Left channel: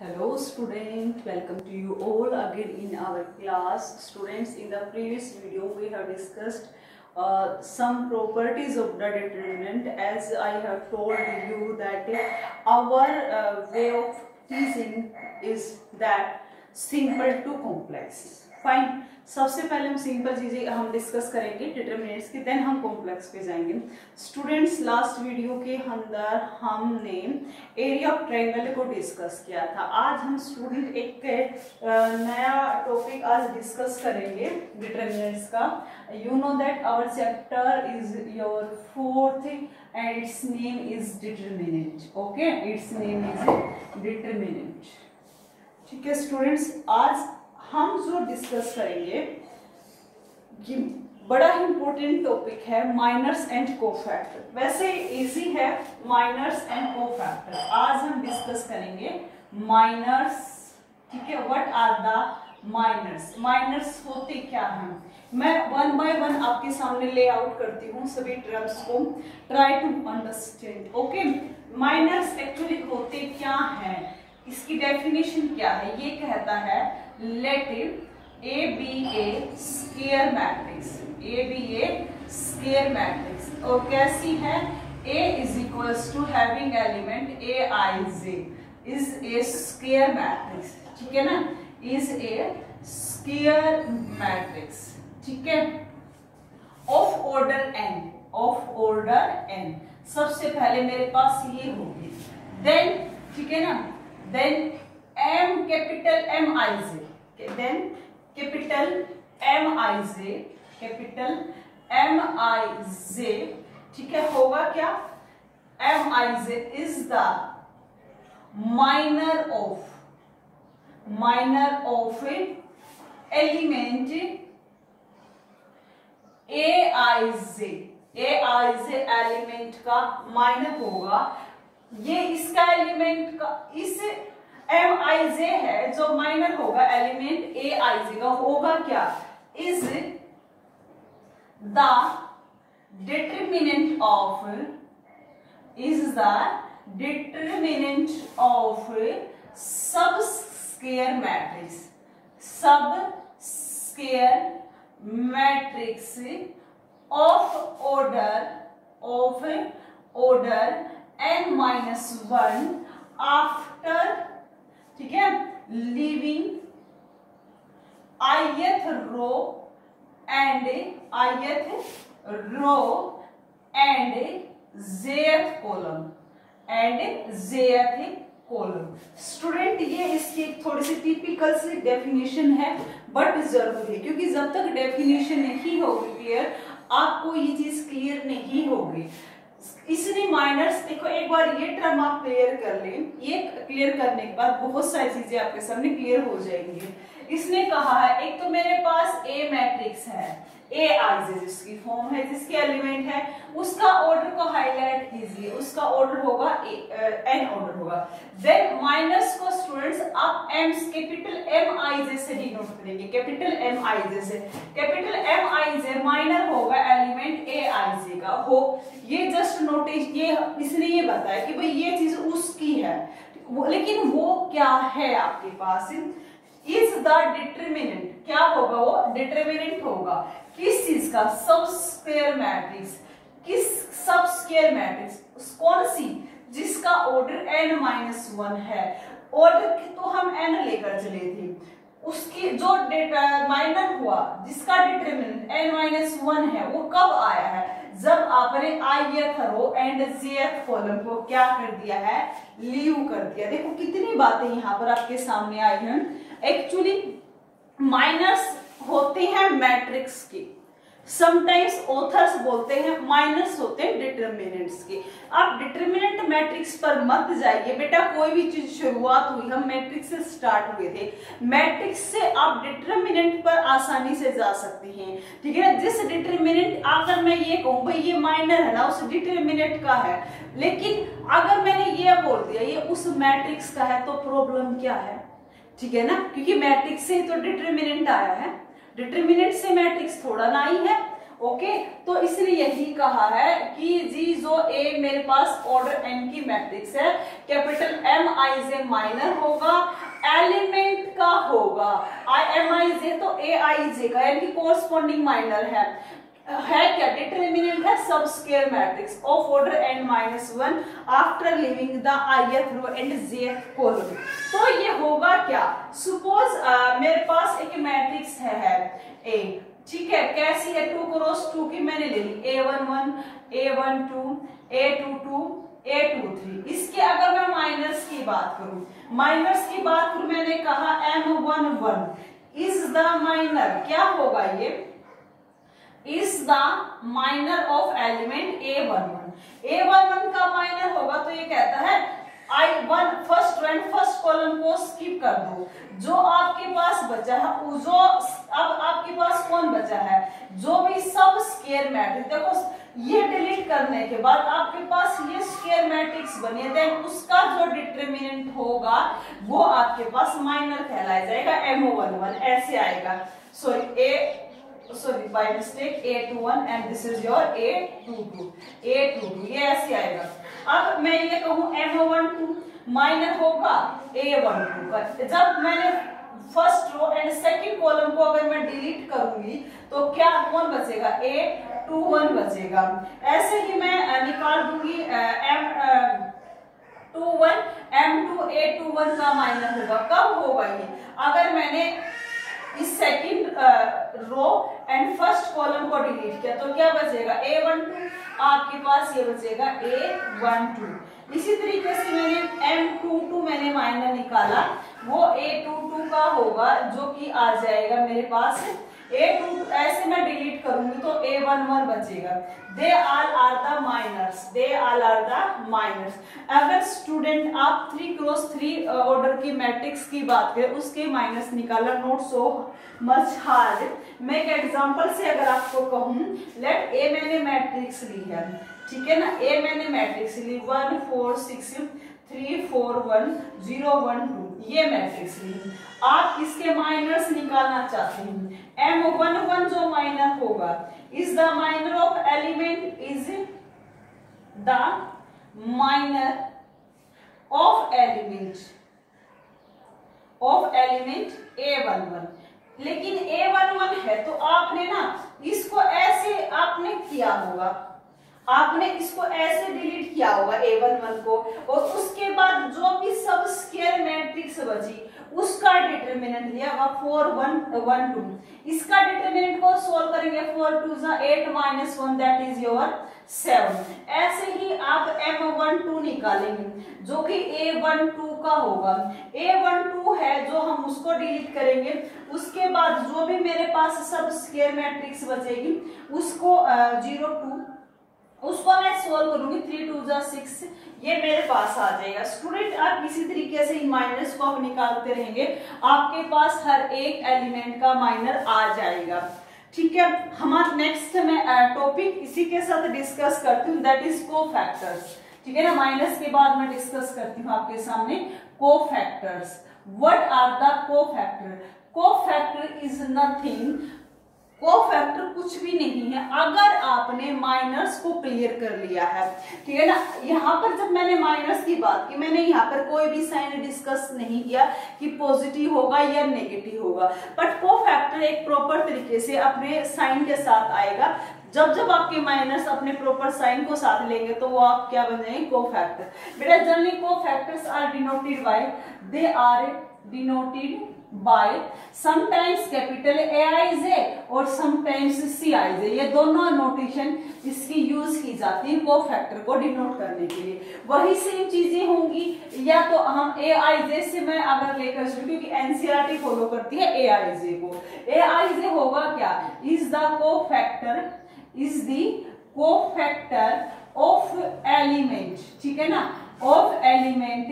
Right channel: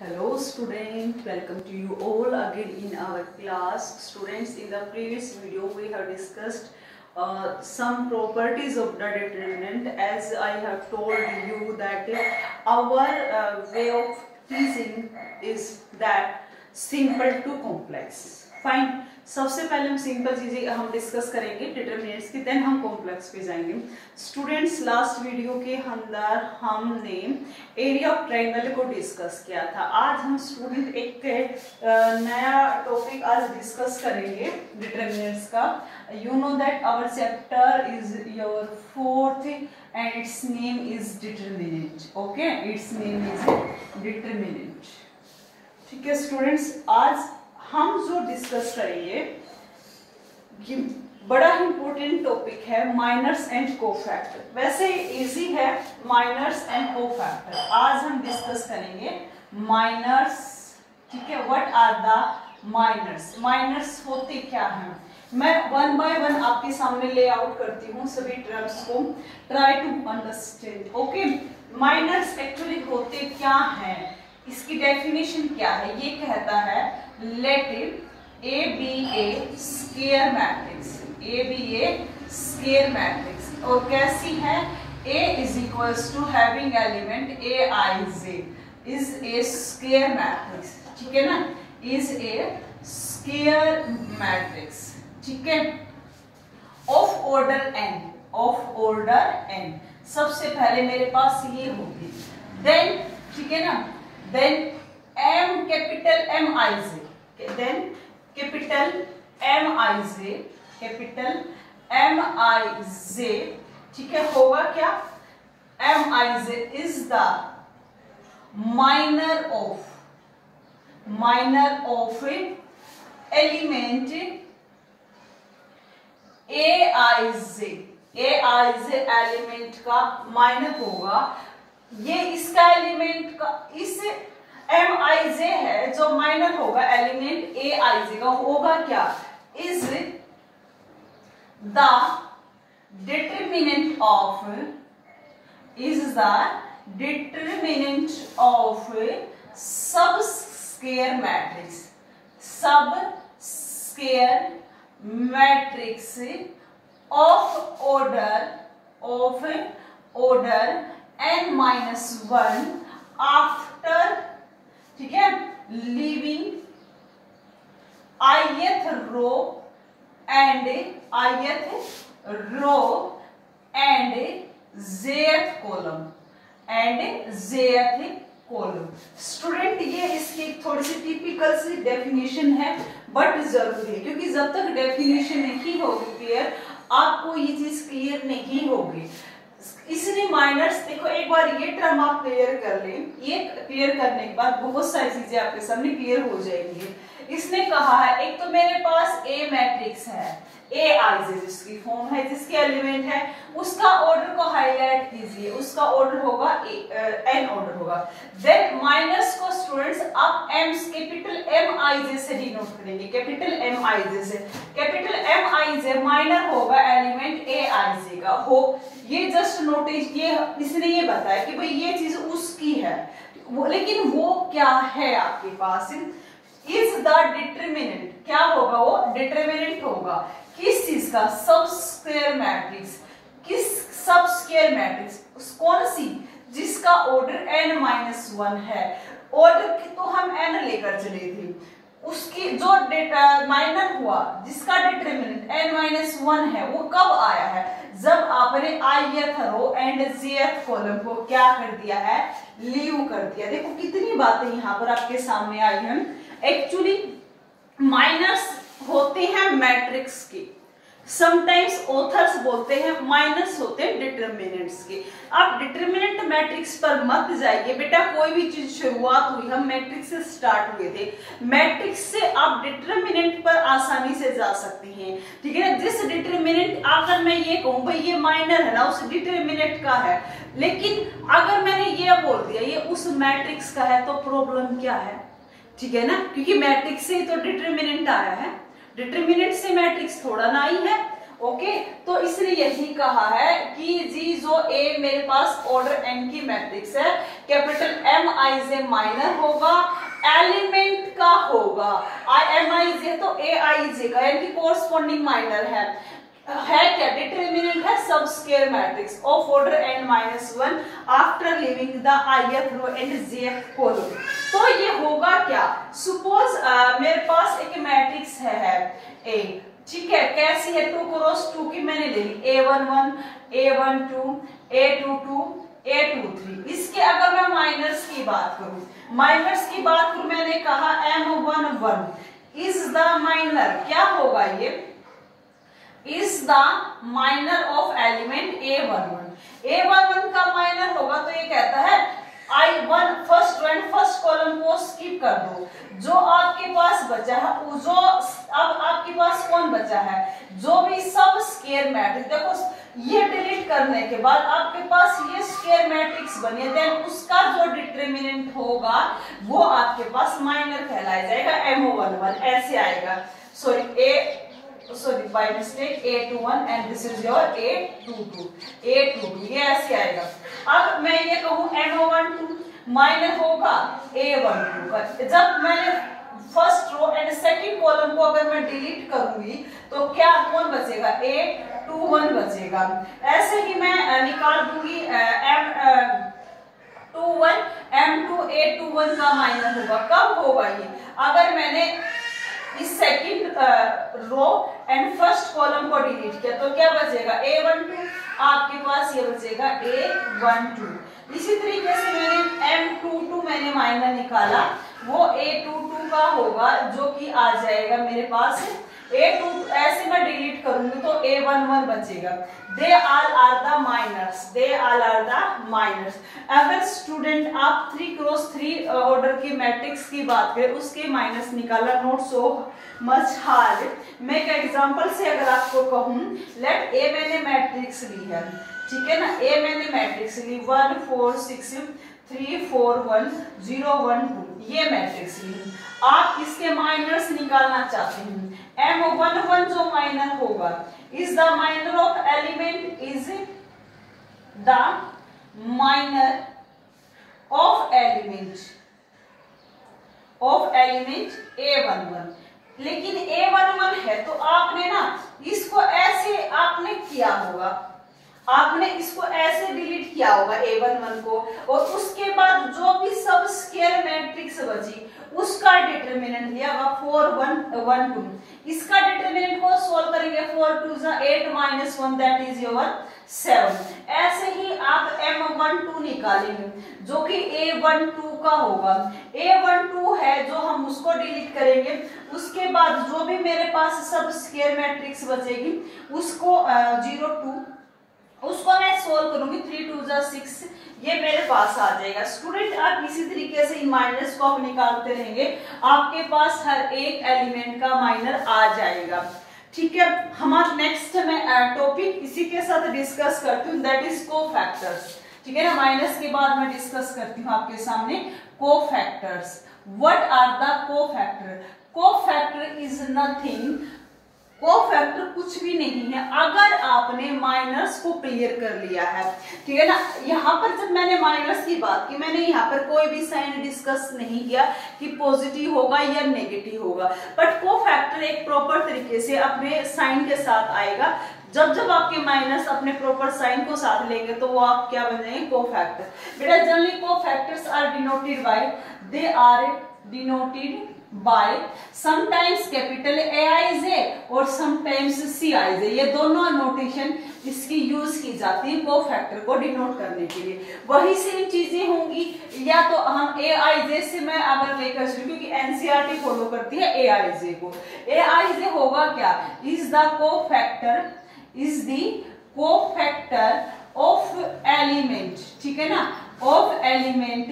Hello student, welcome to you all again in our class. Students, in the previous video we have discussed some properties of the determinant. As I have told you that our way of teaching is that simple to complex. Fine. सबसे पहले हम simple चीजें हम discuss करेंगे determinants की, then हम complex पे जाएंगे. स्टूडेंट्स, लास्ट वीडियो के अंदर हमने एरिया ऑफ ट्रायंगल को डिस्कस किया था. आज हम स्टूडेंट एक नया टॉपिक आज डिस्कस करेंगे डिटरमिनेंट्स का. You know that our chapter is your fourth and its name is determinant. Okay, its name is determinant. ठीक है स्टूडेंट्स, आज हम जो डिस्कस करेंगे ये बड़ा इंपॉर्टेंट टॉपिक है, माइनर्स एंड कोफैक्टर. वैसे इजी है माइनर्स एंड कोफैक्टर. आज हम डिस्कस करेंगे माइनर्स. ठीक है, what are the minors. Minors होते क्या हैं, मैं वन बाय वन आपके सामने ले आउट करती हूँ सभी टर्म्स को. Try to understand. Okay, minors actually होते क्या हैं, इसकी डेफिनेशन क्या है. ये कहता है let A be a square matrix. A be a square matrix. और कैसी है, A is equals to having element Aij is a square matrix. ठीक है ना, is a square matrix. ठीक है, of order n. of order n. सबसे पहले मेरे पास ये होगी, then ठीक है ना, then M capital Mij, then capital Mij, capital Mij. ठीक है, होगा क्या, Mij is the minor of element Aij. Aij element का माइनर होगा. ये इसका एलिमेंट का, इस Mij है जो माइनर होगा एलिमेंट Aij का, होगा क्या, is the determinant of sub square matrix. Sub square matrix of order n-1 after, ठीक है, living ith row and jth column. Student, ये इसकी थोड़ी सी टिपिकल सी डेफिनेशन है बट जरूरी है, क्योंकि जब तक डेफिनेशन नहीं होगी क्लियर, आपको ये चीज क्लियर नहीं होगी. इसलिए माइनर्स, देखो एक बार ये टर्म आप क्लियर कर लें, ये क्लियर करने के बाद बहुत सारी चीजें आपके सामने क्लियर हो जाएंगी. इसने कहा है, एक तो मेरे पास ए मैट्रिक्स है, Aij जिसकी फॉर्म है, जिसके एलिमेंट है, उसका ऑर्डर को हाईलाइट कीजिए, उसका ऑर्डर होगा n ऑर्डर होगा. देन माइनस को स्टूडेंट्स आप कैपिटल Mij से डिनोट करेंगे, कैपिटल Mij से. कैपिटल Mij माइनर होगा एलिमेंट Aij का. हो, ये जस्ट नोटिस, ये इसने ये बताया कि भाई ये चीज उसकी है, लेकिन वो क्या है आपके पास, इज द डिटरमिनेंट. क्या होगा, वो डिटरमिनेंट होगा किस चीज का, सब स्क्वायर मैट्रिक्स. किस सब स्क्वायर मैट्रिक्स, कौन सी, जिसका ऑर्डर n-1 है. ऑर्डर तो हम n लेकर चले थे, उसकी जो माइनर हुआ, जिसका डिटरमिनेंट n-1 है, वो कब आया है, जब आपने ith row and jth column को क्या कर दिया है, लीव कर दिया. देखो कितनी बातें यहाँ पर आपके सामने आई हैं. एक्चुअली माइनर्स होते हैं मैट्रिक्स के, समटाइम्स ऑथर्स बोलते हैं माइनस होते हैं डिटरमिनेंट्स के. आप डिटरमिनेंट मैट्रिक्स पर मत जाइए बेटा, कोई भी चीज शुरुआत हुई, हम मैट्रिक्स से स्टार्ट हुए थे, मैट्रिक्स से आप डिटरमिनेंट पर आसानी से जा सकती हैं. ठीक है ना, जिस डिटरमिनेंट, अगर मैं ये कहूं भाई ये माइनर है ना, उस डिटरमिनेंट का है, लेकिन अगर मैंने ये बोल दिया ये उस मैट्रिक्स का है, तो प्रॉब्लम क्या है. ठीक है ना, क्योंकि मैट्रिक्स से तो डिटरमिनेंट आया है, डिटरमिनेंट से मैट्रिक्स थोड़ा ना आई है. ओके, तो इसलिए यही कहा है कि जी जो ए मेरे पास ऑर्डर n की मैट्रिक्स है, capital M I J minor होगा, एलिमेंट का होगा M I J तो A I J का यानी कि कोरस्पॉन्डिंग माइनर है क्या, डिटरमिनेंट है sub square matrix of order n-1 after living the ith row and jth column. तो ये होगा क्या, सपोज मेरे पास एक मैट्रिक्स है A, ठीक है, कैसी है, 2 क्रॉस 2 की मैंने ले ली, A11 A12 A22 A23। इसके अगर मैं माइनर्स की बात करूं, मैंने कहा M11 इज द माइनर, क्या होगा ये, is the minor of element A11 का माइनर होगा, तो ये कहता है I1 फर्स्ट कॉलम को स्किप कर दो, जो आपके पास बचा है जो अब आपके पास कौन बचा है, जो भी सब स्क्वायर मैट्रिक्स, देखो ये डिलीट करने के बाद आपके पास ये स्क्वायर मैट्रिक्स बने, देन उसका जो डिटरमिनेंट होगा वो आपके पास माइनर कहलाया जाएगा, M11 ऐसे आएगा, sorry by mistake A21 and this is your A22 ये ऐसे आएगा। अब मैं ये कहूं M12 माइनर होगा A12 का, जब मैंने first row and second column को अगर मैं डिलीट करूंगी तो क्या कौन बचेगा, A21 बचेगा। ऐसे ही मैं निकाल दूंगी M2 A21 का माइनर होगा, कब होगा ये, अगर मैंने इस second row and first column को डिलीट किया तो क्या बचेगा, A12 आपके पास ये बचेगा A12। इसी तरीके से मैंने M22 मैंने माइनर निकाला, वो A22 का होगा जो कि आ जाएगा मेरे पास A22, ऐसे मैं डिलीट करूंगी तो A11 बचेगा। They all are the minors. अगर स्टूडेंट आप 3 क्रॉस 3 ऑर्डर की मैट्रिक्स की बात करें, उसके माइनस निकाला, नॉट सो मच हार्ड। मैं एक एग्जांपल से अगर आपको कहूं, लेट A मैंने मैट्रिक्स ली है, ठीक है ना, A मैंने मैट्रिक्स ली 1 4 6 3 4 1 0 1 2 ये मैट्रिक्स ली, आप इसके माइनर्स निकालना चाहते हैं, M11 जो माइनर होगा is the minor of element, is the minor of element A11। लेकिन A11 है तो आपने ना इसको ऐसे आपने किया होगा, आपने इसको ऐसे डिलीट किया होगा A11 को, और उसके बाद जो भी सब स्क्वायर मैट्रिक्स बची उसका डिटरमिनेंट लिया 4 1 1 2। इसका डिटरमिनेंट को सॉल्व करेंगे, 4 2 8 -1 दैट इज योर 7। ऐसे ही आप M12 निकालेंगे जो कि A12 का होगा, A12 है जो हम उसको डिलीट करेंगे, उसके बाद जो भी मेरे पास सब स्क्वायर मैट्रिक्स बचेगी उसको 0 2 उसको मैं सोल्व करूंगी, 3 2 6 ये मेरे पास आ जाएगा। स्टूडेंट आप इसी तरीके से इन माइनर्स को आप निकालते रहेंगे, आपके पास हर एक एलिमेंट का माइनर आ जाएगा, ठीक है। हमारा नेक्स्ट मैं टॉपिक इसी के साथ डिस्कस करती हूँ, दैट इज कोफैक्टर्स, ठीक है ना। माइनस के बाद मैं डिस्कस करती हूँ आपके सामने cofactors. What are the cofactor? Cofactor is nothing, cofactor कुछ भी नहीं है अगर आपने माइनस को क्लियर कर लिया है, ठीक है ना। यहाँ पर जब मैंने माइनस की बात की, मैंने यहाँ पर कोई भी साइन डिस्कस नहीं किया कि पॉजिटिव होगा या नेगेटिव होगा, बट कोफैक्टर एक प्रॉपर तरीके से अपने साइन के साथ आएगा। जब जब आपके माइनस अपने प्रॉपर साइन को साथ लेंगे तो वो आप क्या बन जाएंगे, कोफैक्टर। बेटा generally cofactors are denoted by, they are denoted by sometimes capital Aij और sometimes Cij, ये दोनों नोटेशन इसकी यूज की जाती है कोफैक्टर को डिनोट करने के लिए। वही सेम चीजें होंगी, या तो हम Aij से मैं अगर लेकर चलूं, क्योंकि एनसीईआरटी फॉलो करती है Aij को। Aij होगा क्या, is the cofactor, is the cofactor of element, ठीक है ना, ऑफ एलिमेंट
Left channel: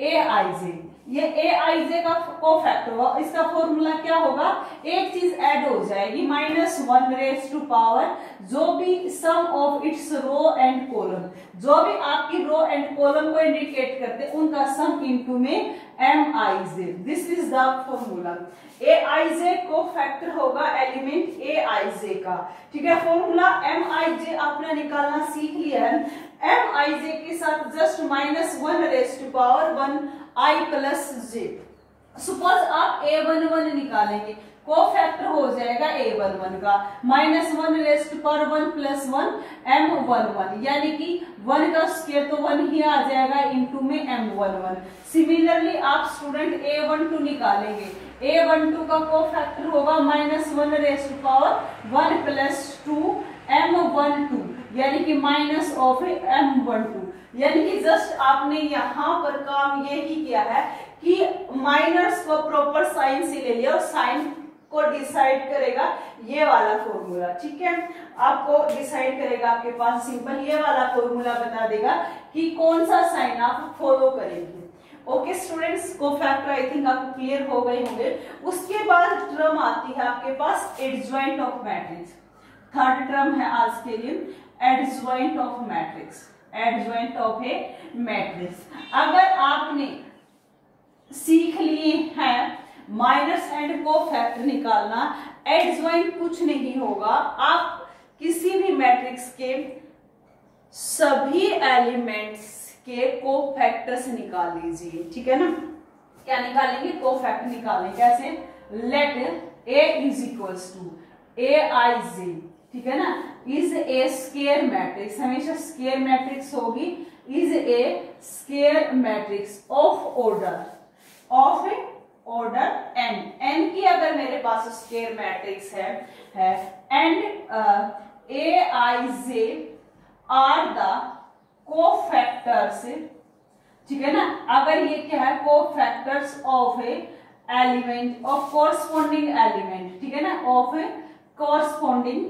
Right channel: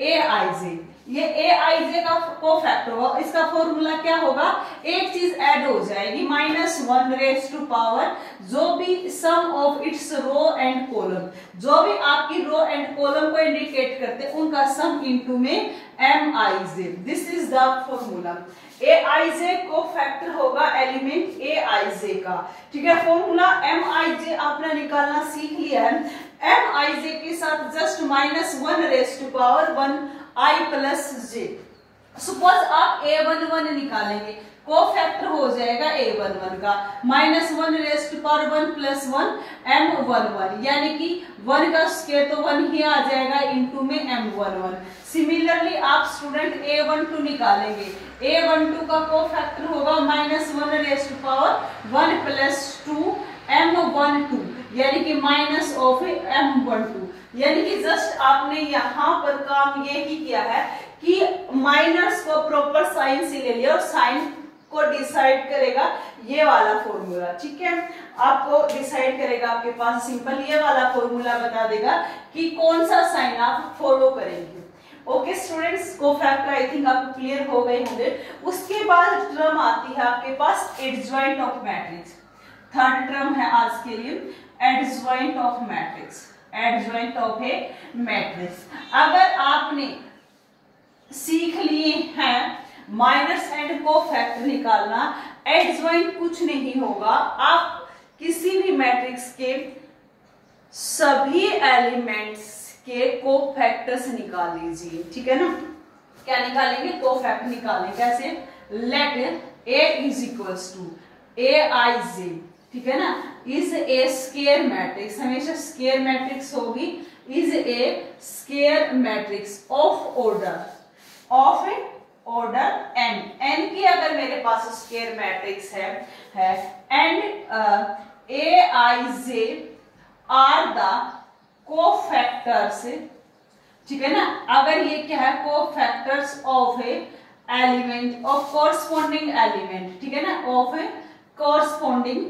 Aij। ये ए आई जे का कोफैक्टर होगा, इसका फॉर्मूला क्या होगा, एक चीज ऐड हो जाएगी -1 जो भी sum of its row and column, जो भी आपकी रो एंड कॉलम को इंडिकेट करते उनका सम इनटू में M I J. This is the formula. A I J cofactor होगा एलिमेंट ए आई जे का, ठीक है। फॉर्मूला एम आई जे आपने निकालना सीख लिया है। एम आई जे के साथ जस्ट -1 आई प्लस जे। सपोज आप a11 निकालेंगे, कोफैक्टर हो जाएगा a11 का -1 प्लस 1 m11, यानी कि 1 का स्क्वायर तो 1 ही आ जाएगा इनटू में m11। सिमिलरली आप स्टूडेंट a12 निकालेंगे, a12 का कोफैक्टर होगा -1 प्लस 2 m12, यानी कि -m12, यानी कि जस्ट आपने यहां पर काम ये ही किया है कि माइनस को प्रॉपर साइन से ले लिया और साइन को डिसाइड करेगा ये वाला फॉर्मूला, ठीक है। आपको डिसाइड करेगा, आपके पास सिंपल ये वाला फॉर्मूला बता देगा कि कौन सा साइन आप फॉलो करेंगे। Okay students, cofactor I think आपको क्लियर हो गए होंगे। उसके बाद टर्म आती है आपके पास adjoint of matrix. Third term है आज के लिए adjoint of matrix, adjoint of a matrix. अगर आपने सीख लिए हैं माइनस एंड कोफैक्टर निकालना, एडजॉइंट कुछ नहीं होगा, आप किसी भी मैट्रिक्स के सभी एलिमेंट्स के कोफैक्टर्स निकाल लीजिए, ठीक है ना। क्या निकालेंगे, कोफैक्टर निकालेंगे। कैसे, let A is equals to A I J, ठीक है ना, इज ए स्क्वायर मैट्रिक्स, हमेशा स्क्वायर मैट्रिक्स होगी, is a square matrix of order n। n की अगर मेरे पास स्क्वायर मैट्रिक्स है and A I J are the cofactors, ठीक है ना। अगर ये क्या है, cofactors of a element of corresponding element, ठीक है ना, ऑफ ए कोरस्पॉन्डिंग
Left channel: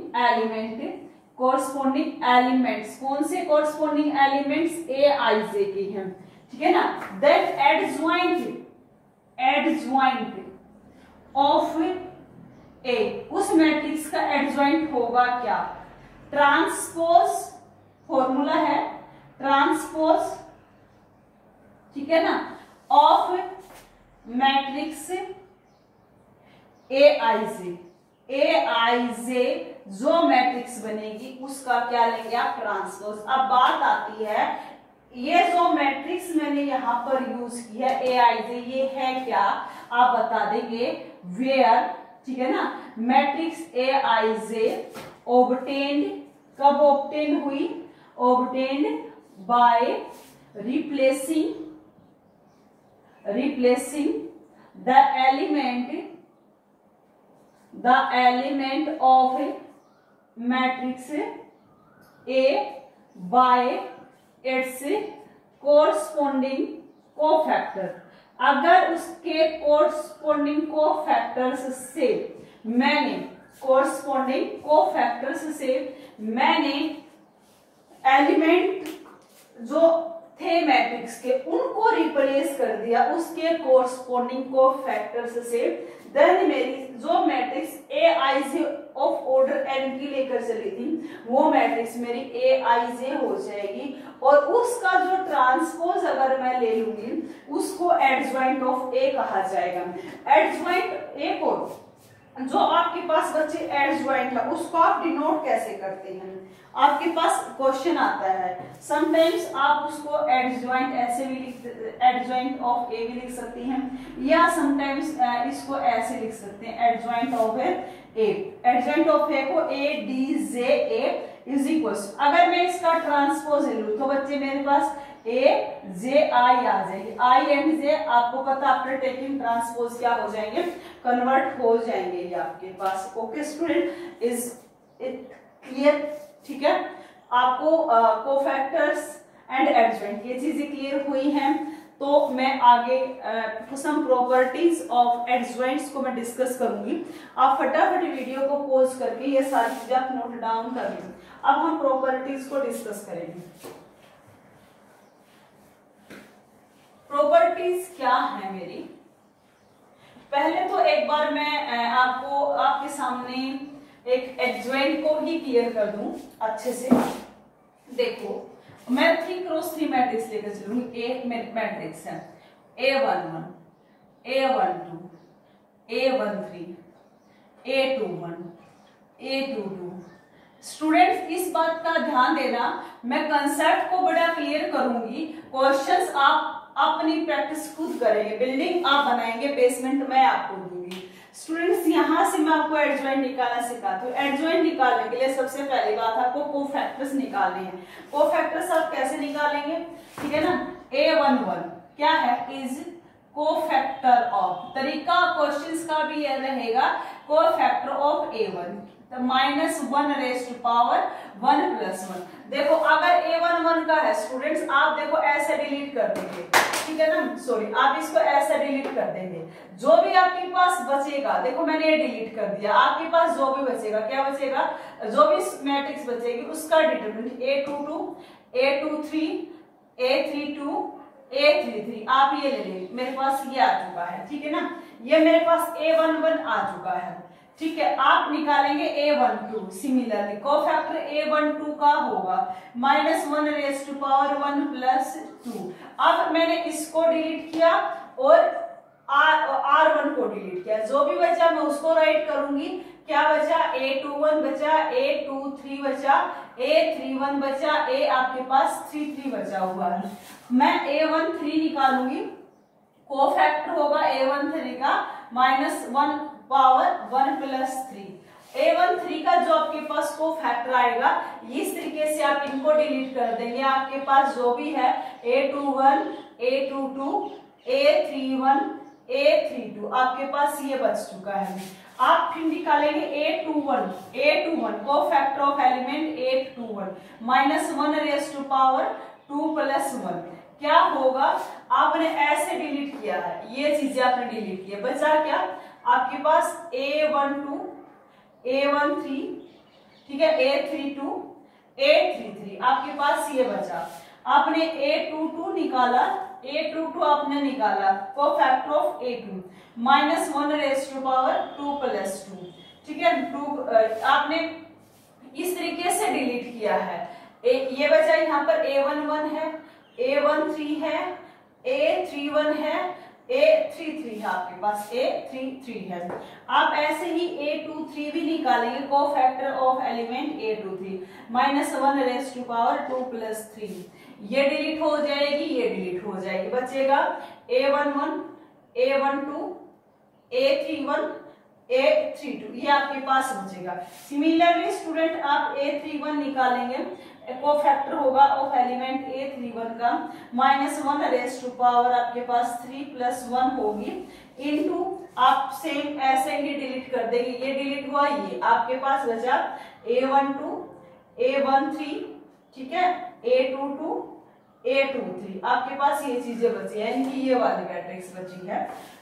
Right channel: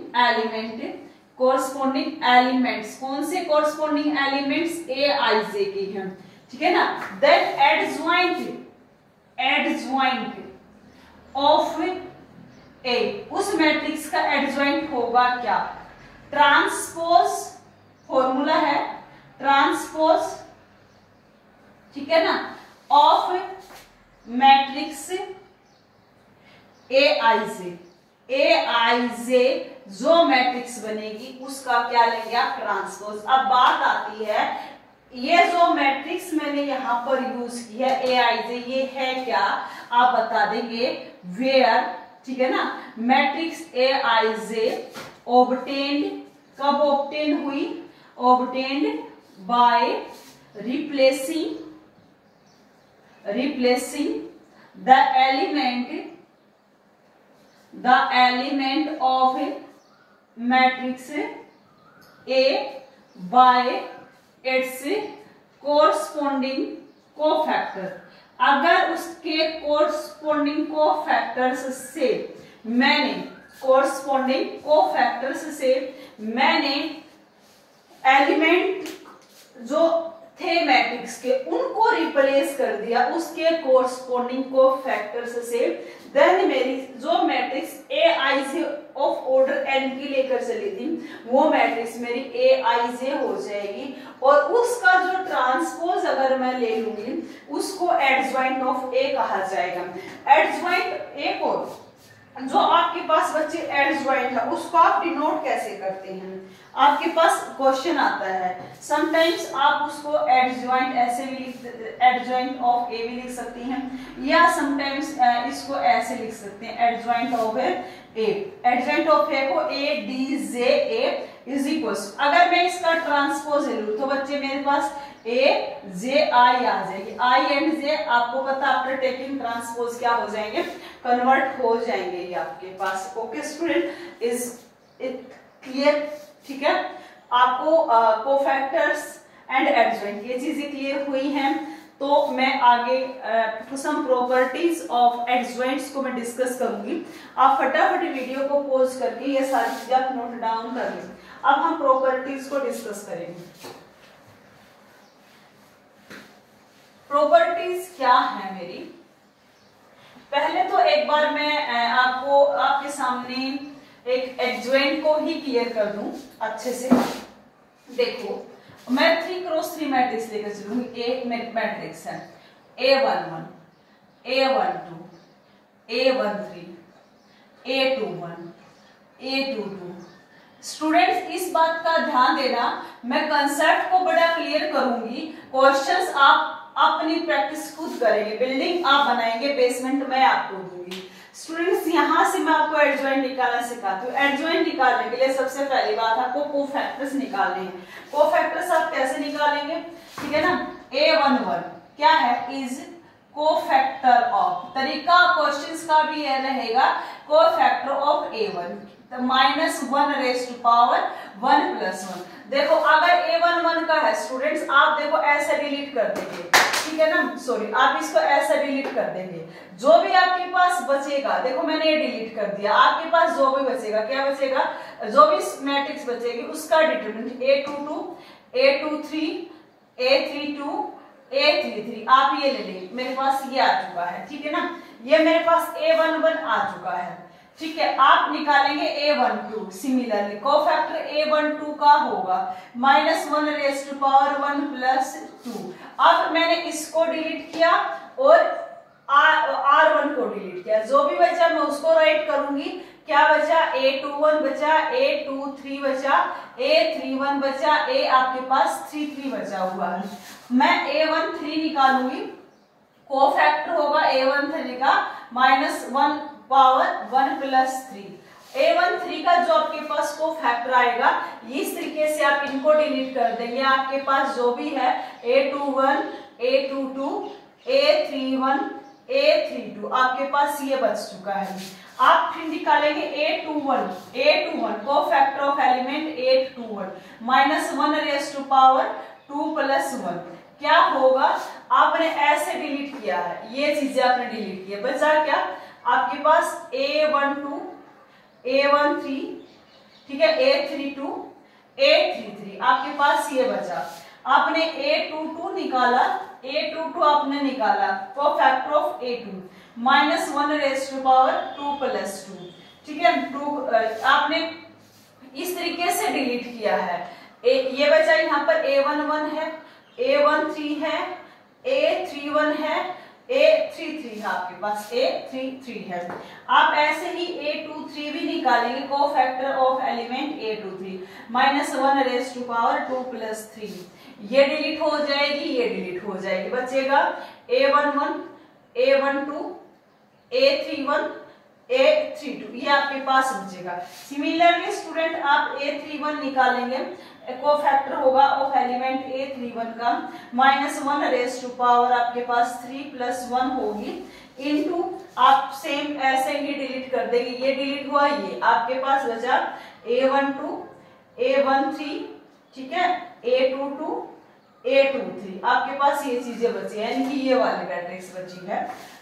एलिमेंट्स, कौन से कोरस्पॉन्डिंग एलिमेंट्स, ए आई जे की हैं, ठीक है ना। देन एडजॉइंट ऑफ ए, उस मैट्रिक्स का एडजॉइंट होगा क्या, ट्रांसपोज, फॉर्मूला है ट्रांसपोज, ठीक है ना, ऑफ मैट्रिक्स ए आई जे जो मैट्रिक्स बनेगी उसका क्या लेंगे आप, ट्रांसपोज। अब बात आती है, ये जो मैट्रिक्स मैंने यहां पर यूज किया ए आई जे, ये है क्या, आप बता देंगे वेयर, ठीक है ना। Matrix A I J obtained, कब ऑब्टेन हुई, obtained by replacing the element of matrix A bye it's corresponding cofactor. अगर उसके कोरस्पॉन्डिंग कोफैक्टर्स से मैंने एलिमेंट जो थे मैट्रिक्स के उनको रिप्लेस कर दिया उसके कोरस्पॉन्डिंग कोफैक्टर्स से, देन मेरी जो matrix A I J of order n की लेकर चली थी वो मैट्रिक्स मेरी ए आई जे हो जाएगी, और उसका जो ट्रांसपोज अगर मैं ले लूंगी उसको एडजॉइंट ऑफ ए कहा जाएगा। एडजॉइंट ए को जो आपके पास बच्चे एडजॉइंट है उसको आप डिनोट कैसे करते हैं, आपके पास क्वेश्चन आता है, समटाइम्स आप उसको एडजॉइंट ऐसे भी एडजॉइंट ऑफ ए भी लिख सकते हैं, या समटाइम्स इसको ऐसे लिख सकते हैं adjoint of A. Adjoint of A को A D J A is equal, अगर मैं इसका ट्रांसपोज ले लूं तो बच्चे मेरे पास ए जे आई आ जाएगी, आई एंड जे आपको पता आफ्टर टेकिंग ट्रांसपोज क्या हो जाएंगे, कन्वर्ट हो जाएंगे ये आपके पास। Okay student, is it clear, ठीक है। आपको कोफैक्टर्स एंड एडजॉइंट ये चीजें क्लियर हुई हैं, तो मैं आगे सम प्रॉपर्टीज ऑफ एडजॉइंट्स को मैं डिस्कस करूंगी। आप फटाफट वीडियो को पॉज करके ये सारी चीजें आप नोट डाउन कर लें। अब हम प्रॉपर्टीज को डिस्कस करेंगे। प्रॉपर्टीज क्या है मेरी, पहले तो एक बार मैं आपको आपके सामने एक एडजॉइंट को ही क्लियर कर दूं अच्छे से। देखो मैं 3x3 मैट्रिक्स लेकर चलूंगी। एक मैट्रिक्स है A11, A12, A13, A21, A22। Students इस बात का ध्यान देना, मैं कंसेप्ट को बड़ा क्लियर करूंगी, क्वेश्चंस आप अपनी प्रैक्टिस खुद करेंगे, बिल्डिंग आप बनाएंगे, बेसमेंट मैं आपको दूंगी। स्टूडेंट्स यहां से मैं आपको एडजॉइंट निकालना सिखाती हूँ। एडजॉइंट निकालने के लिए सबसे पहली बात आपको कोफैक्टर्स निकालने हैं। कोफैक्टर्स आप कैसे निकालेंगे, ठीक है ना। A11 क्या है, इज कोफैक्टर ऑफ, तरीका क्वेश्चंस का भी यह रहेगा, cofactor of A1 -1 raise to power 1 + 1। देखो अगर A11 का है स्टूडेंट्स, आप देखो ऐसे डिलीट कर देंगे, ठीक है ना, सॉरी आप इसको ऐसे डिलीट कर देंगे। जो भी आपके पास बचेगा, देखो मैंने ये डिलीट कर दिया, आपके पास जो भी बचेगा, क्या बचेगा, जो भी मैट्रिक्स बचेगी उसका determinant A22, A23, A32, A33 आप ये ले लेंगे। मेरे पास ये आ चुका है, ठीक है ना, ये मेरे पास A11 आ चुका है, ठीक है। आप निकालेंगे A12, सिमिलरली कोफैक्टर A12 का होगा -1 रेज़ टू पावर 1 + 2। अब मैंने इसको डिलीट किया और R1 को डिलीट किया, जो भी बचा मैं उसको राइट करूंगी। क्या बचा, A21 बचा, A23 बचा, A31 बचा, A आपके पास 33 बचा हुआ है। मैं A13 निकालूंगी, कोफैक्टर होगा A13 का -1 पावर 1 + 3। A13 का जो आपके पास कोफैक्टर आएगा, इस तरीके से आप इनको डिलीट कर देंगे। आपके पास जो भी है A21, A22, A31, A32 आपके पास ये बच चुका है। आप फिर निकालेंगे A21 cofactor of element A21 -1 raise to power 2 + 1। क्या होगा, आपने ऐसे डिलीट किया है, ये चीजें आपने डिलीट की है, बचा क्या आपके पास A12, A13, ठीक है, A32, A33 आपके पास ये बचा। आपने A22 निकाला, A22 आपने निकाला cofactor of A2 -1 raise to power 2 + 2, ठीक है। 2 आपने इस तरीके से डिलीट किया है। ये बचा यहाँ पर A11 है, A13 है, A31 है, A33 है, आपके पास A33 है। आप ऐसे ही A23 भी निकालेंगे, cofactor of element A23 -1 raise to power 2 + 3। ये डिलीट हो जाएगी, ये डिलीट हो जाएगी, बचेगा A11, A12, A31, A32 ये आपके पास बचेगा। सिमिलरली स्टूडेंट आप A31 निकालेंगे, कोफैक्टर होगा ऑफ एलिमेंट A31 का -1 रेज़ टू पावर आपके पास 3 + 1 होगी, इनटू आप सेम ऐसे ही डिलीट कर देंगे। ये डिलीट हुआ, ये आपके पास बचा A12, A13, ठीक है, A22, A23 आपके पास ये चीजें बची है, यानी कि ये वाली मैट्रिक्स बची है।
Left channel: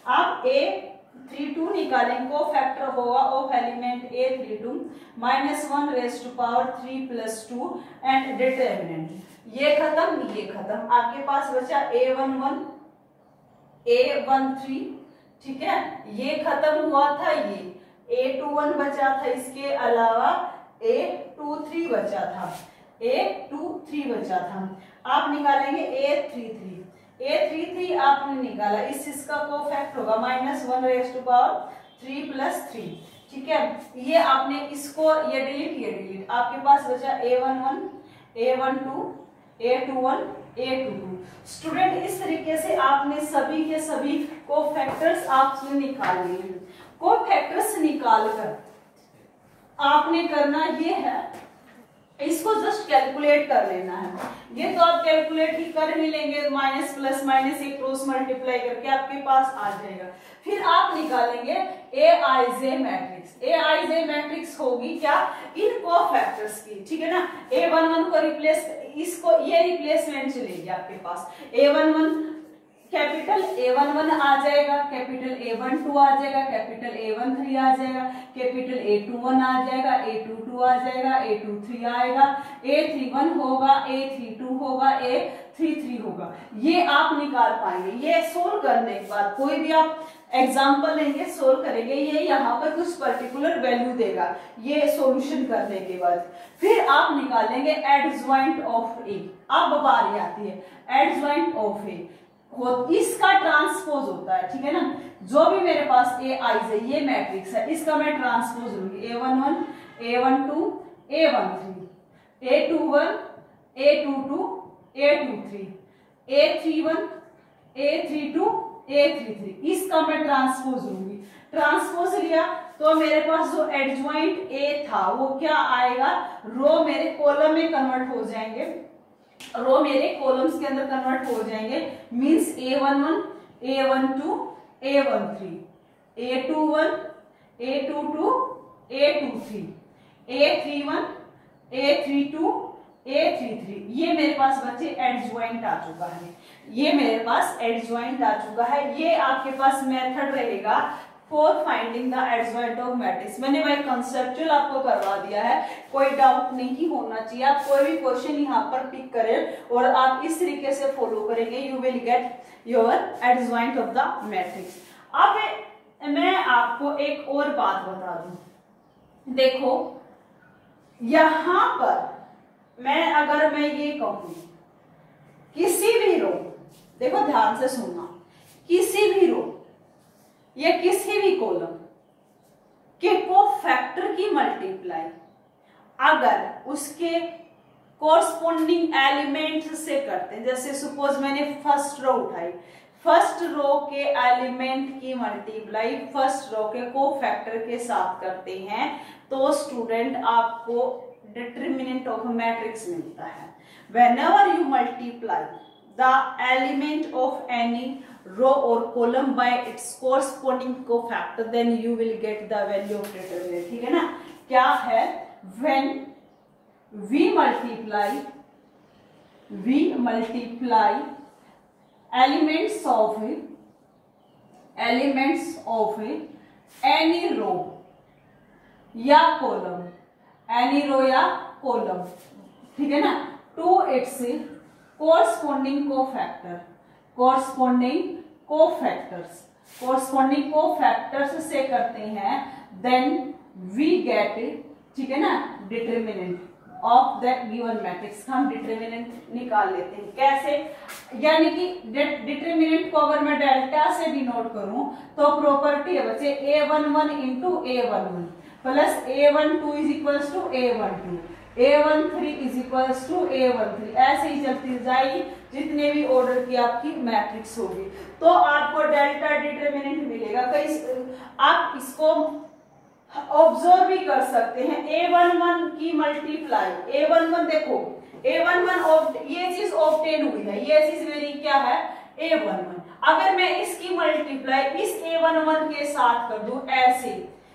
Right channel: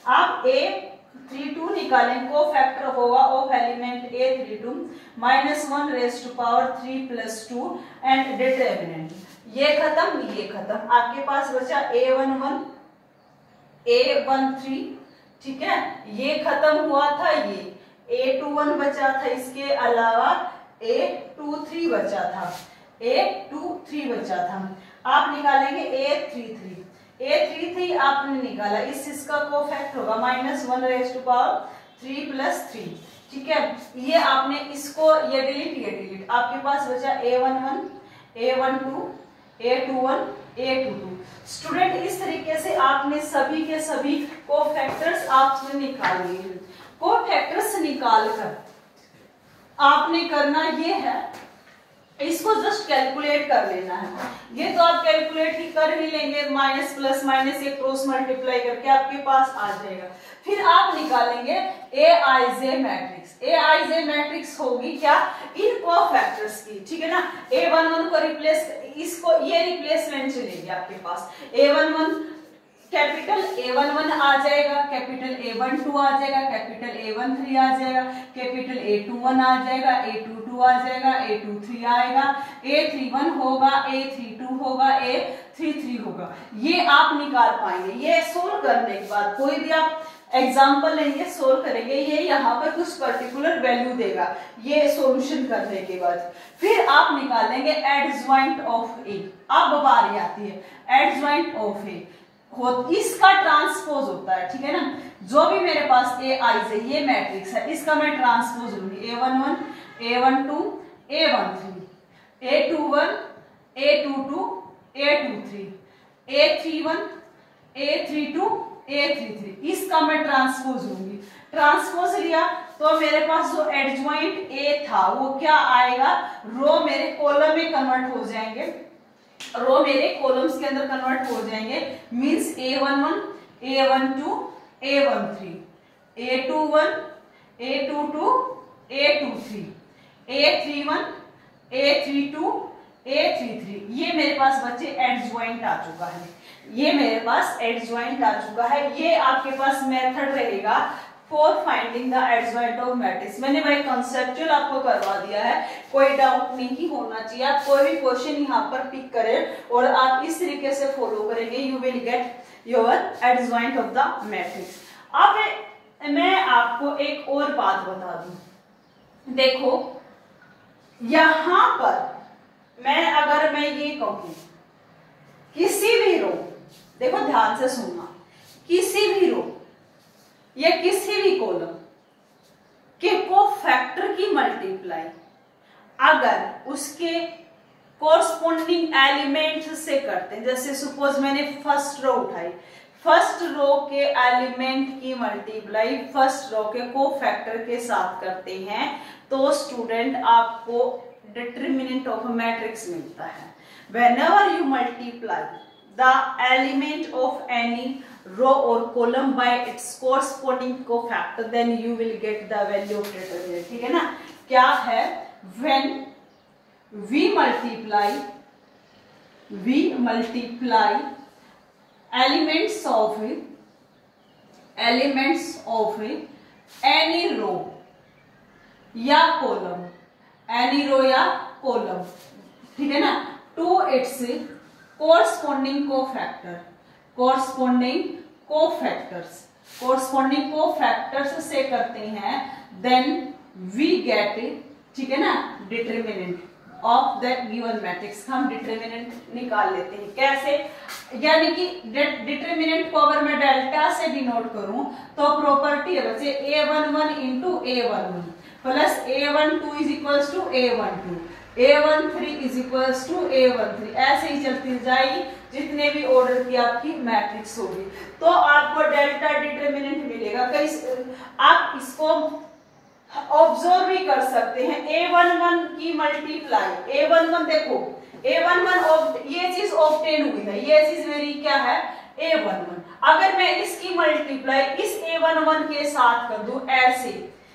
आप A32 निकालेंगे, कोफैक्टर होगा of element A32 -1 raise to power 3 + 2 and determinant. ये खत्म, ये खत्म, आपके पास बचा A11, A13, ठीक है, ये खत्म हुआ था, ये A21 बचा था, इसके अलावा A23 बचा था, A23 बचा था। आप निकालेंगे A33 आपने निकाला, इसका कोफैक्टर होगा -1 रेज़ टू पावर 3 + 3, ठीक है। ये आपने इसको ये डिलीट, आपके पास बचा A11, A12, A21, A22। Student इस तरीके से आपने सभी के सभी कोफैक्टर्स आपने निकाल लिए। कोफैक्टर्स निकालकर आपने करना ये है, इसको जस्ट कैलकुलेट कर लेना है। ये तो आप कैलकुलेट ही कर ही लेंगे, माइनस प्लस माइनस ये क्रॉस मल्टीप्लाई करके आपके पास आ जाएगा। फिर आप निकालेंगे Aij मैट्रिक्स। Aij मैट्रिक्स होगी क्या, इन कोफैक्टर्स की, ठीक है ना। A11 को रिप्लेस, इसको ये रिप्लेसमेंट चलेगी आपके पास। A11 कैपिटल A11 आ जाएगा, कैपिटल A12 आ जाएगा, कैपिटल A13 आ जाएगा, कैपिटल A21 आ जाएगा, A22 आ जाएगा, A23 आएगा, A31 होगा, A32 होगा, A33 होगा। ये आप निकाल पाएंगे। ये सोल्व करने के बाद कोई भी आप एग्जाम्पल लेंगे, सोल्व करेंगे, ये यहाँ पर कुछ पर्टिकुलर वैल्यू देगा ये सॉल्यूशन करने के बाद। फिर आप निकालेंगे एडजॉइंट ऑफ ए। अब बारी आती है एडजॉइंट ऑफ ए, इसका ट्रांसपोज होता है, ठीक है ना। जो भी मेरे पास ए आईज है, ये मैट्रिक्स है, इसका मैं ट्रांसपोज लूंगी A11, A12, A13, A21, A22, A23, A31, A32, A33, इसका मैं ट्रांसपोज लूंगी। ट्रांसपोज लिया तो मेरे पास जो एडजॉइंट ए था वो क्या आएगा, रो मेरे कॉलम में कन्वर्ट हो जाएंगे, रो मेरे कॉलम्स के अंदर कन्वर्ट हो जाएंगे। Means A11, A12, A13, A21, A22, A23, A31, A32, A33, ये मेरे पास बच्चे एडजॉइंट आ चुका है, ये मेरे पास एडजॉइंट आ चुका है। ये आपके पास मेथड रहेगा for finding the adjoint of matrix. मैंने भाई कंसेप्चुअल आपको करवा दिया है, कोई डाउट नहीं होना चाहिए। आप कोई भी क्वेश्चन यहाँ पर पिक करें और आप इस तरीके से फॉलो करेंगे, you will get your adjoint of the matrix. अब मैं आपको एक और बात बता दूं, देखो यहां पर अगर मैं ये कहूं किसी भी रो, देखो ध्यान से सुनना, किसी भी रो या किसी भी कॉलम के कोफैक्टर की मल्टीप्लाई अगर उसके कोरस्पोंडिंग एलिमेंट से करते हैं, जैसे सपोज मैंने फर्स्ट रो उठाई, फर्स्ट रो के एलिमेंट की मल्टीप्लाई फर्स्ट रो के कोफैक्टर के साथ करते हैं, तो स्टूडेंट आपको डिटरमिनेंट ऑफ मैट्रिक्स मिलता है। Whenever you multiply the element of any row or column by its corresponding cofactor, then you will get the value of determinant, ठीक है ना। क्या है, when we multiply elements of any row या column, ठीक है ना, to its corresponding cofactors से करते हैं, then we get, ठीक है ना, determinant of the given matrix. हम डिटरमिनेंट निकाल लेते हैं, कैसे, यानी कि डिटरमिनेंट को अगर मैं डेल्टा से डिनोट करूं तो प्रॉपर्टी है बच्चे A11 into A11 plus A12 is equals to A12, A13 is equals to A13, ऐसे ही चलती जाएगी जितने भी ऑर्डर की आपकी मैट्रिक्स होगी, तो आपको डेल्टा डिटरमिनेंट मिलेगा। कई आप इसको ऑब्जर्व भी कर सकते हैं, A11 की मल्टीप्लाई, A11 देखो A11 ये चीज ऑब्टेन हुई है, ये चीज मेरी क्या है A11, अगर मैं इसकी मल्टीप्लाई इस A11 के साथ कर दूं ऐसे,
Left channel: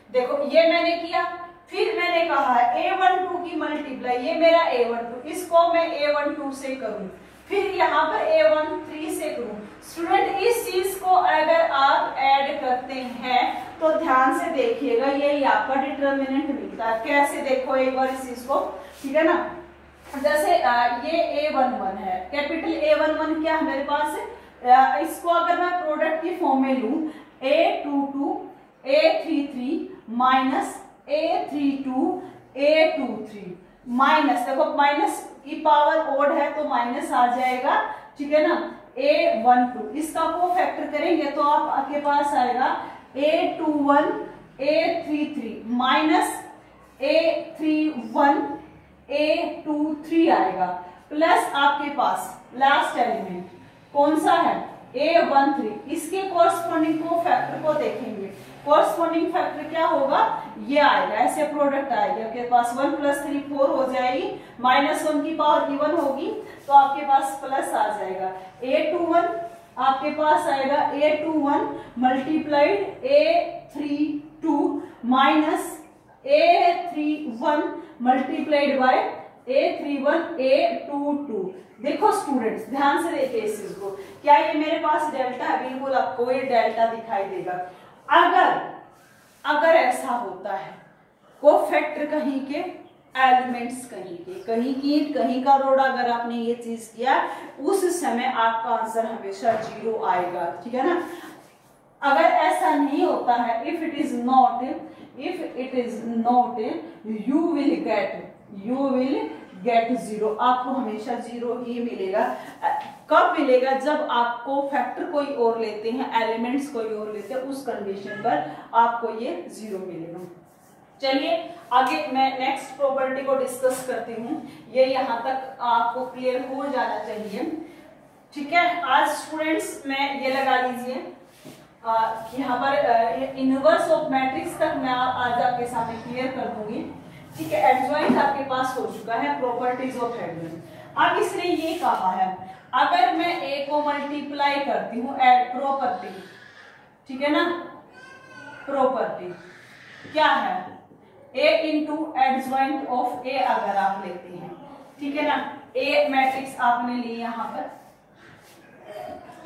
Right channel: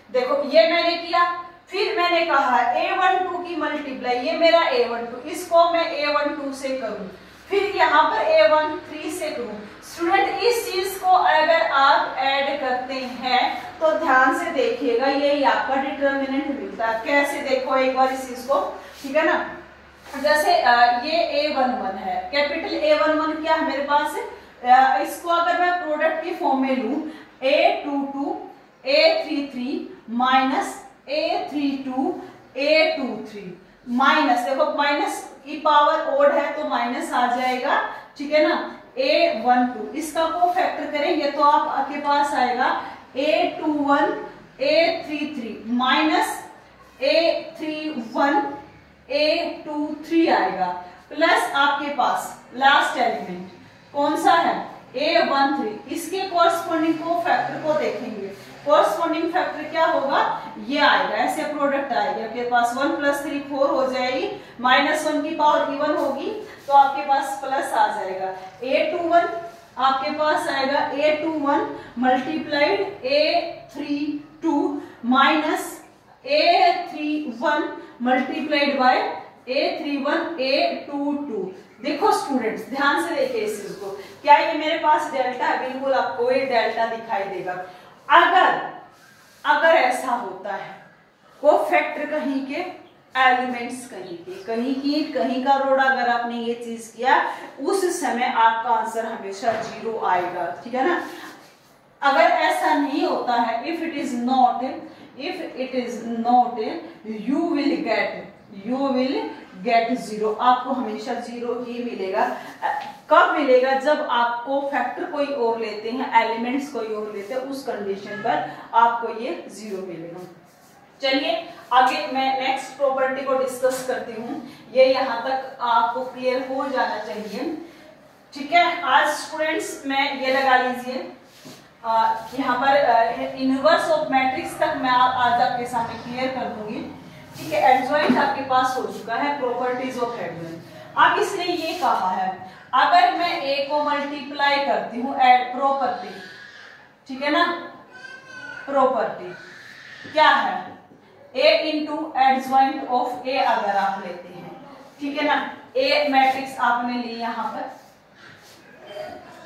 देखो ये मैंने किया, फिर मैंने कहा A12 की मल्टीप्लाई, ये मेरा A12, इसको मैं A12 से करूं, फिर यहाँ पर A13 से करूं। स्टूडेंट इस चीज को अगर आप ऐड करते हैं तो ध्यान से देखिएगा, यही आपका डिटरमिनेंट मिलता है। कैसे, देखो एक बार इस चीज को, ठीक है ना, जैसे ये A11 है, कैपिटल A11 क्या है मेरे पास, इसको अगर मैं प्रोडक्ट की फॉर्म में लूं, A22 A33 minus A32 A23 minus, देखो माइनस की पावर ओड है तो माइनस आ जाएगा, ठीक है ना, A12, इसका को फैक्टर करेंगे तो आपके पास आएगा A21 A33 minus A31 A23 आएगा, प्लस आपके पास लास्ट एलिमेंट कौन सा है A13, इसके कोरस्पोंडिंग को फैक्टर को देखेंगे, कोरस्पोंडिंग फैक्टर क्या होगा, ये आएगा, ऐसे प्रोडक्ट आएगा आपके पास 1 + 3 4 हो जाएगी, -1 की पावर इवन होगी तो आपके पास प्लस आ जाएगा। A21 आपके पास आएगा A21 multiplied A32 minus A31 multiplied by A31 A22, देखो स्टूडेंट्स ध्यान से देखिए इस चीज को, क्या ये मेरे पास डेल्टा है, बिल्कुल आपको ये डेल्टा दिखाई देगा। अगर ऐसा होता है कोफैक्टर कहीं के, एलिमेंट्स कहीं का रोड, अगर आपने ये चीज किया उस समय आपका आंसर हमेशा 0 आएगा, ठीक है ना। अगर ऐसा नहीं होता है, if it is not you will get 0, आपको हमेशा 0 ही मिलेगा। कब मिलेगा? जब आपको फैक्टर कोई और लेते हैं, एलिमेंट्स कोई और लेते हैं, उस कंडीशन पर आपको ये 0 मिलेगा। चलिए आगे मैं नेक्स्ट प्रॉपर्टी को डिस्कस करती हूँ। ये यहाँ तक आपको क्लियर हो जाना चाहिए, ठीक है। आज स्टूडेंट्स में ये लगा लीजिए, यहाँ पर इनवर्स ऑफ मैट्रिक्स तक मैं आज आपके सामने क्लियर कर दूंगी, ठीक है। एडजॉइंट आपके पास हो चुका है, प्रॉपर्टीज ऑफ एडजॉइंट। अब इसने ये कहा है अगर मैं ए को मल्टीप्लाई करती हूँ प्रॉपर्टी, ठीक है ना, प्रॉपर्टी क्या है, ए इंटू एडजॉइंट ऑफ ए अगर आप लेते हैं, ठीक है ना। ए मैट्रिक्स आपने ली यहाँ पर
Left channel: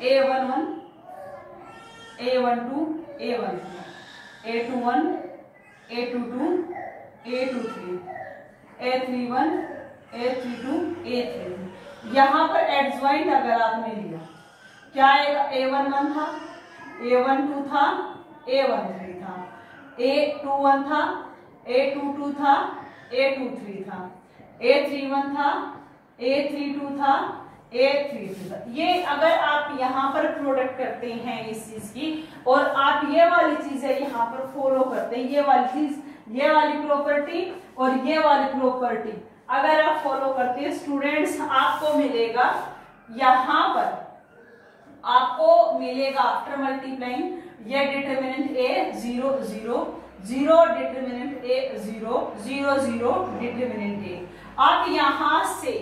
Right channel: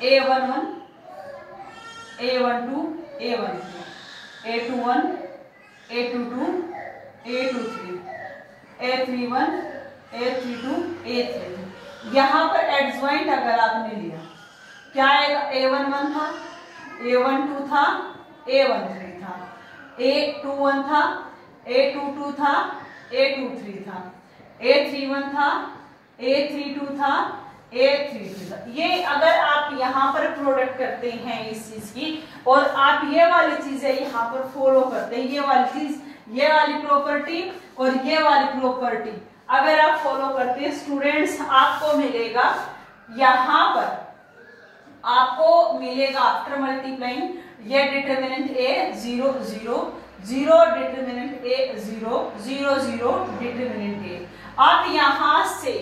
A11 A12 A13 A21 A22 A23 A31 A32 A33। यहाँ पर एडजॉइंट अगर आपने लिया क्या आएगा, A11 था, A12 था, A13 था, A21 था, A22 था, A23 था, A31 था, A32 था, A33 था। ये अगर आप यहाँ पर प्रोडक्ट करते हैं इस चीज की, और आप ये वाली चीजें यहाँ पर फॉलो करते हैं, ये वाली चीज, ये वाली प्रॉपर्टी और ये वाली प्रॉपर्टी अगर आप फॉलो करते हैं स्टूडेंट्स, आपको मिलेगा यहाँ पर, आपको मिलेगा आफ्टर मल्टीप्लाइंग ये determinant A 0 0 0 determinant A 0 0 0 determinant A। आप यहाँ से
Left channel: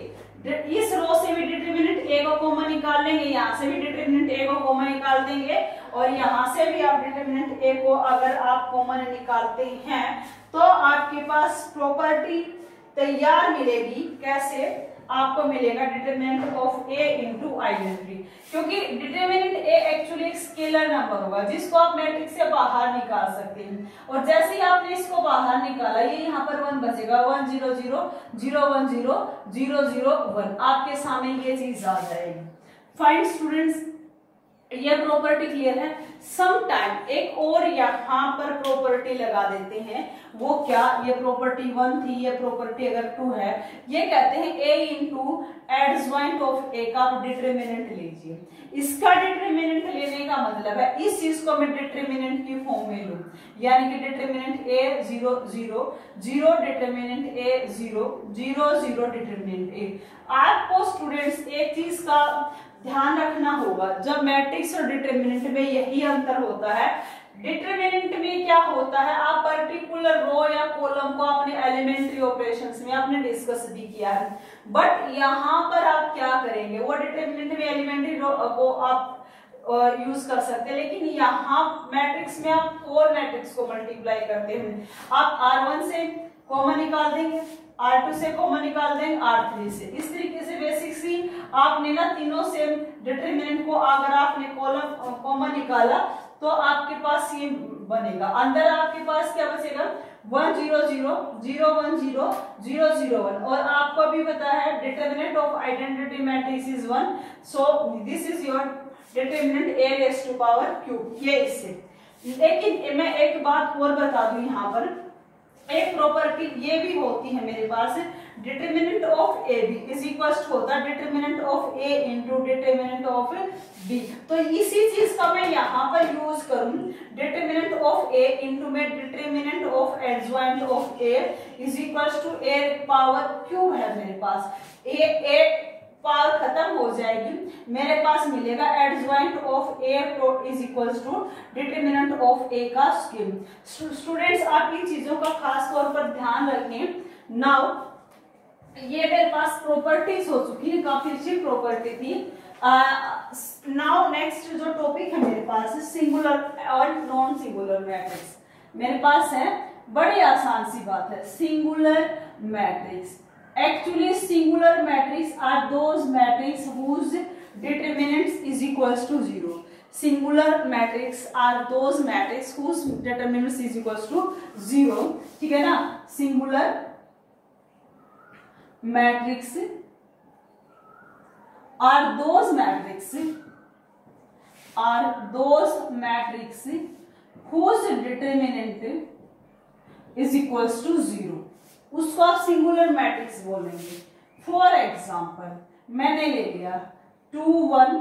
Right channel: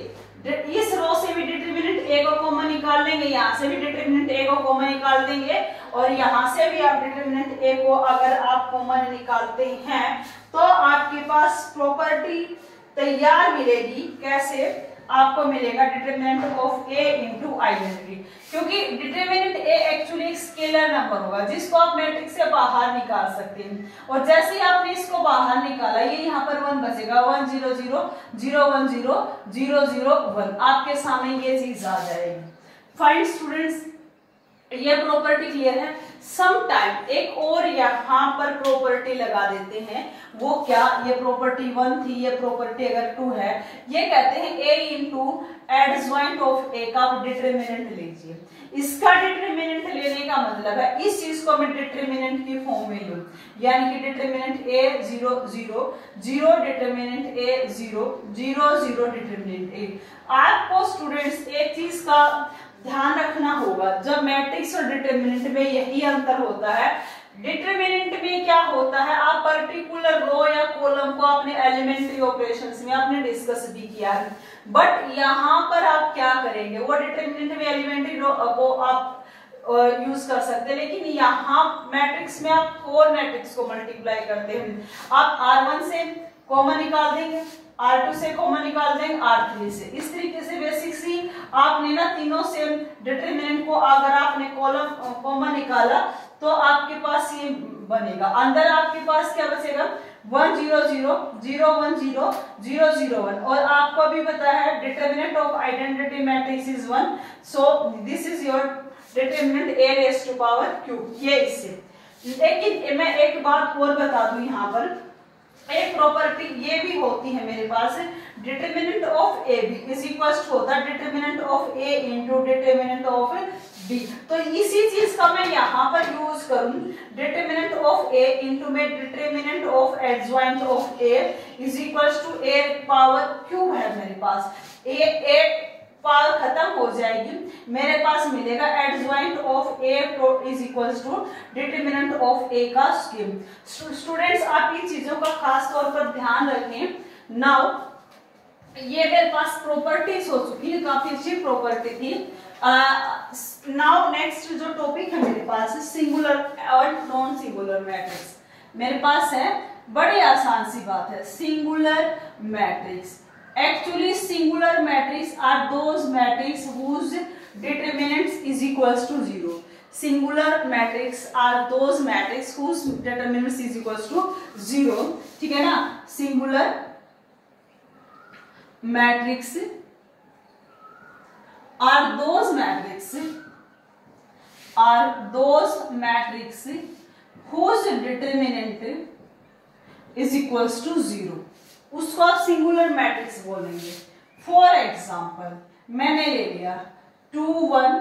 इस रो से भी डिटरमिनेंट A को कॉमन निकाल लेंगे, यहाँ से भी डिटरमिनेंट A को कॉमन निकाल देंगे, और यहाँ से भी आप डिटरमिनेंट A को अगर आप कॉमन निकालते हैं तो आपके पास प्रॉपर्टी तैयार मिलेगी। कैसे? आपको मिलेगा determinant of A into identity, क्योंकि डिटरमिनेंट A एक्चुअली एक स्केलर नंबर होगा जिसको आप मैट्रिक्स से बाहर निकाल सकते हैं, और जैसे ही आपने इसको बाहर निकाला ये यहाँ पर 1 बचेगा, 1 0 0 0 1 0 0 0 1, आपके सामने ये चीज आ जाएगी। फाइन स्टूडेंट्स, ये प्रॉपर्टी क्लियर है। सम टाइम एक और यहाँ पर प्रॉपर्टी लगा देते हैं, वो क्या, ये प्रॉपर्टी 1 थी, ये प्रॉपर्टी अगर 2 है, ये कहते हैं A into adjoint of A का डिटरमिनेंट लीजिए। इसका डिटरमिनेंट लेने का मतलब है इस चीज को मैं डिटरमिनेंट की फॉर्म में लूं, यानी कि determinant A 0 0 0 determinant A 0 0 0 determinant A। आपको स्टूडेंट्स एक चीज का ध्यान रखना होगा, जब मैट्रिक्स और डिटरमिनेंट में यही अंतर होता है। डिटरमिनेंट में क्या होता है, आप पर्टिकुलर रो या कॉलम को अपने एलिमेंट्री ऑपरेशंस में आपने डिस्कस भी किया है, बट यहाँ पर आप क्या करेंगे, वो डिटरमिनेंट में एलिमेंट्री रो को आप यूज कर सकते हैं, लेकिन यहाँ मैट्रिक्स में आप कोर मैट्रिक्स को मल्टीप्लाई करते हैं, आप R1 से कॉमन निकाल देंगे, R2 से कॉमन निकाल देंगे, R3 से। इस तरीके से बेसिक सी आपने ना तीनों से डिटरमिनेंट को अगर आपने कॉलम कॉमन निकाला तो आपके पास ये बनेगा, अंदर आपके पास क्या बचेगा, 1 0 0 0 1 0 0 0 1, और आपको भी पता है determinant of identity matrix is 1, so this is your determinant A raise to power cube, ये इससे। लेकिन मैं एक बात और बता दूं, यहाँ पर एक प्रॉपर्टी ये भी होती है मेरे पास, determinant of A B is equal होता है determinant of A into determinant of B. तो इसी चीज का मैं यहाँ पर यूज करूं, डिटरमिनेंट ऑफ ए इंटू में determinant of adjoint of A is equal to A power cube है मेरे पास, ए पावर खत्म हो जाएगी, मेरे पास मिलेगा adjoint of A is equal to determinant of A का स्क्वायर। स्टूडेंट्स आप इन चीजों का खास तौर पर ध्यान रखें। नाउ ये मेरे पास प्रॉपर्टीज हो चुकी है, काफी अच्छी प्रॉपर्टी थी। नाउ नेक्स्ट जो टॉपिक है मेरे पास सिंगुलर और नॉन सिंगुलर मैट्रिक्स मेरे पास है। बड़े आसान सी बात है, singular matrix Actually, singular matrix are those matrix whose determinants is equals to 0. Singular matrix are those matrix whose determinants is equals to 0. ठीक है ना? Singular matrix are those matrix whose determinant is equals to 0. उसको आप singular matrix बोलेंगे. For example मैंने ले लिया 2 1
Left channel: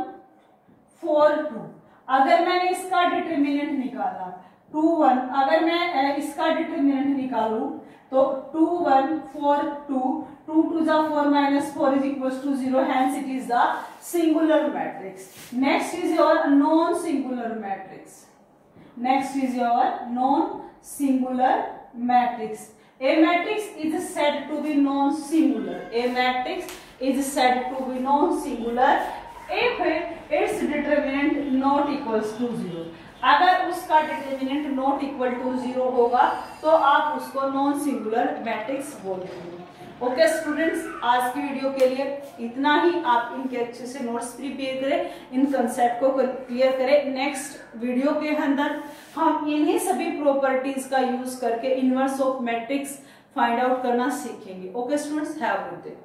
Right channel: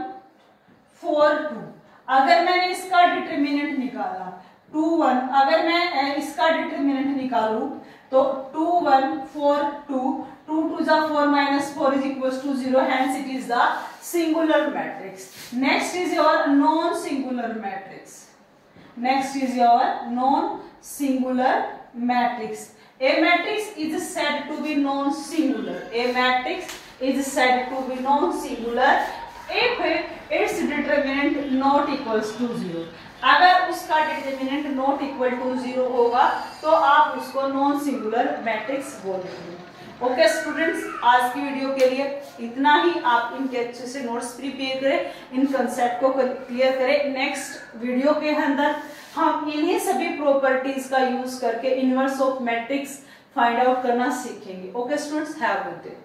4 2. अगर मैंने इसका डिटरमिनेंट निकाला 2 1, अगर मैं इसका डिटरमिनेंट निकालूं तो 2 1 4 2 2 2 जा 4 minus 4 is equals to 0. Hence it is the singular matrix. Next is your non-singular matrix. A matrix is said to be non-singular. If its determinant not equals to 0. अगर उसका डिटरमिनेंट नॉट इक्वल टू 0 होगा तो आप उसको non singular matrix बोलेंगे. Okay students, आज की video के लिए इतना ही. आप इनके अच्छे से नोट्स प्रिपेयर करें, इन कंसेप्ट को क्लियर करें. नेक्स्ट वीडियो के अंदर हम इन्हीं सभी प्रॉपर्टीज का यूज करके inverse of matrix find out करना सीखेंगे. Okay students, have a good day.